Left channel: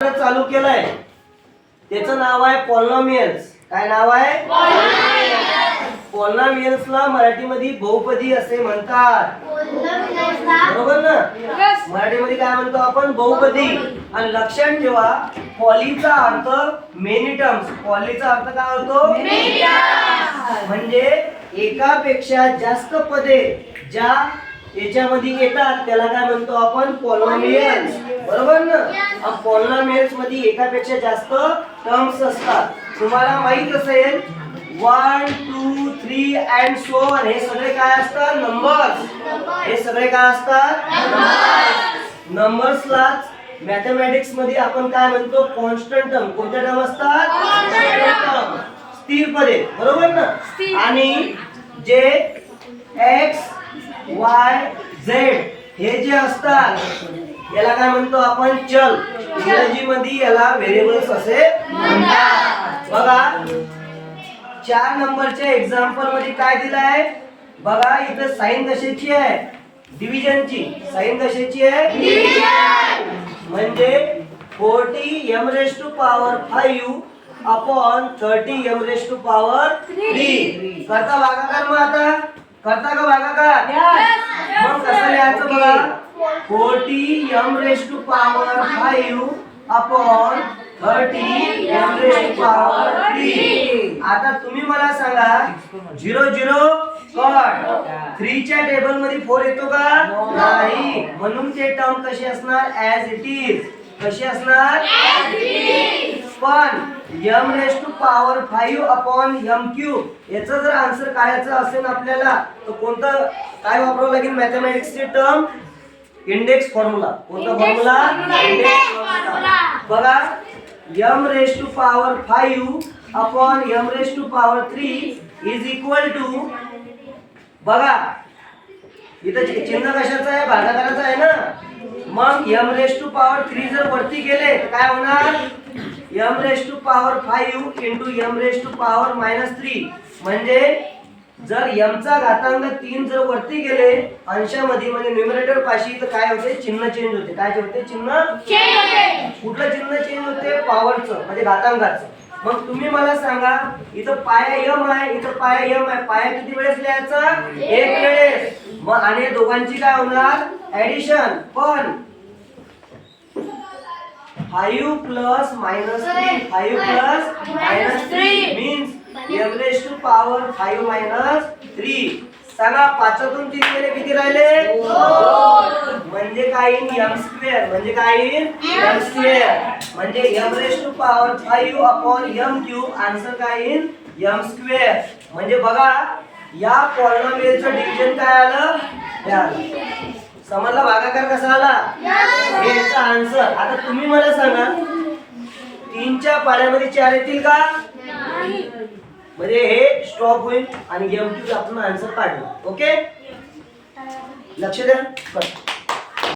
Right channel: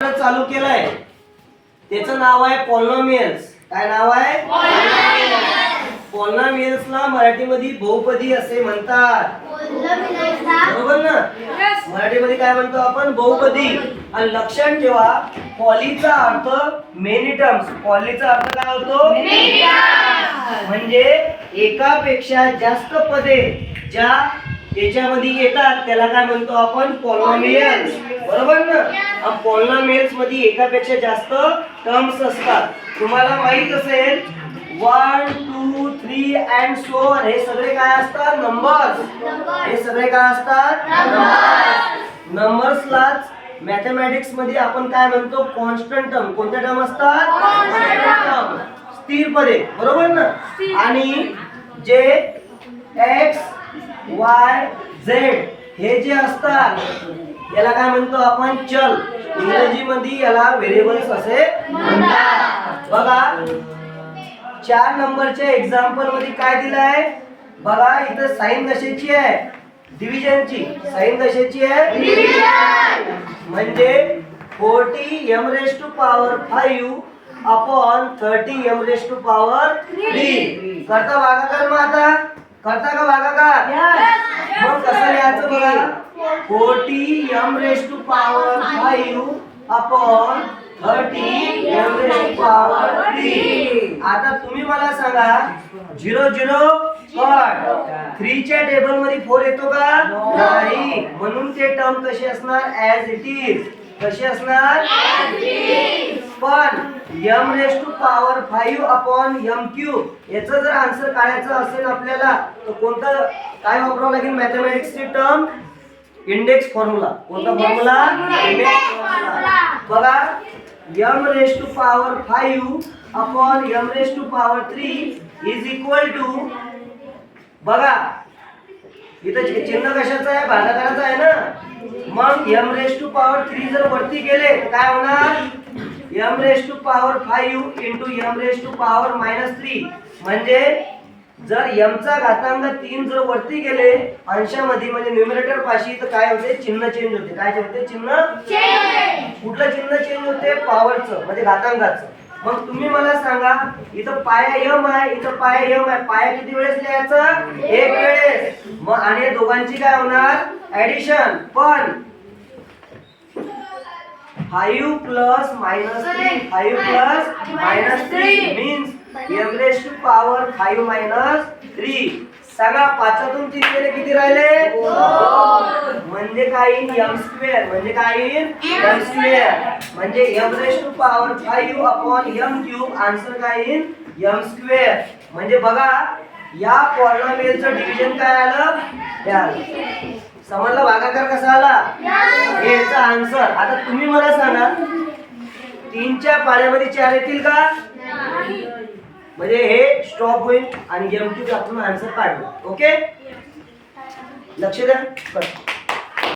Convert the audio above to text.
चालू केलाय त्याचं नाव आहे पॉलिनॉमियल्स. काय नाव आहे? पॉलिनॉमियल्सला मराठीमध्ये बहुपदी असे म्हणतात. बरोबर ना? मराठीमध्ये काय म्हणतो आपण? बहुपदी. आणि लक्षात ठेवा पॉलीचा अर्थ मेनी टर्म्स. पॉलीचा अर्थ काय होतो? Many terms. म्हणजे एकापेक्षा जास्त पदे ज्या याच्यामध्ये येतात त्याला काय म्हणतो आपण? पॉलिनॉमियल्स. बरोबर ना? पॉलिनॉमियल्स मध्ये एकापेक्षा जास्त टर्म्स असतात. तुम्हाला माहित असेल 1 2 3 अँड सो ऑन हे सगळे काय असतात? नंबर्स. हे सगळे काय असतात? नंबर्स. नंबर्सलाच मॅथमॅटिक्स मध्ये आपण काय म्हणतो? Constant term. कोणत्या टर्म असतात? Constant term. स्थिर पदे. बरोबर ना? आणि जे x y z हे जे असतात याला काय म्हणतो आपण? चल. इंग्रजीमध्ये याला व्हेरिएबल्स असे म्हणतात. बघा 4 नंबरच्या एक्झाम्पल मध्ये काय दिलं आहे बघा. इथं साइन कशाची आहे? डिव्हिजनची. साइन कशाची आहे? डिव्हिजन. म्हणजे 40 m raised to power 5 upon 30 m raised to power 3. करता भागाकार मग आता? करता का भागाकार? मग कसं लिहायचं बघा? 40 m raised to power 5 upon 30 m raised to power 3. आता तुम्ही मला सांगा 0 0 कट. 3 च्या टेबल मध्ये 4 येतो का? नाही. म्हणून ते टर्म कशी असणार? As it is. कशी असणार? As it is. पण m raised to power 5 upon m cube याचा जर आन्सर काढायचा असेल आपल्याला तर कोणता काय वापरावं लागेल? मॅथमॅटिक्सची टर्म इंडेक्स फॉर्म्युला. कोणता फॉर्म्युला? Index formula. बघा m raised to power 5 upon m raised to power 3 is equal to बघा इथं चिन्ह कशाचं आहे? भागाकाराचं आहे ना. मग m raised to power 3 जर वरती गेले तर काय होणार? m raised to power 5 into m raised to power -3. म्हणजे जर m चा घातांक 3 जर वरती गेले अंशामध्ये म्हणजे न्यूमरेटर पाशी तर काय होते? चिन्ह चेंज होते. काय होते? चिन्ह चेंज होते. कुठलं चिन्ह चेंज होते? पॉवरचं म्हणजे घातांकाचं. मग तुम्ही मला सांगा इथं पाया m आहे, इथं पाया m आहे. पाया किती वेळेस लिहायचा? एक वेळेस. मग आणि दोघांची काय होणार? ऍडिशन. पण 5 plus -3 5 plus -3 means m raised to power 5 -3. सांगा 5तून 3 गेले किती राहिले? 2. म्हणजे काय? m square. म्हणजे काय? m square. म्हणजे m raised to power 5 upon m cube. Answer काय? m square. म्हणजे बघा या पॉलिनॉमियलचं डिव्हिजन काय आलं? हे आलं. समजला भागाकार कसा आला? हे याचा आन्सर. आता तुम्ही मला सांगा 3 च्या पाण्यामध्ये 4 येतील का? म्हणजे हे स्टॉप होईल आणि m क्यूब आपण आन्सर काढू. ओके लक्ष द्या.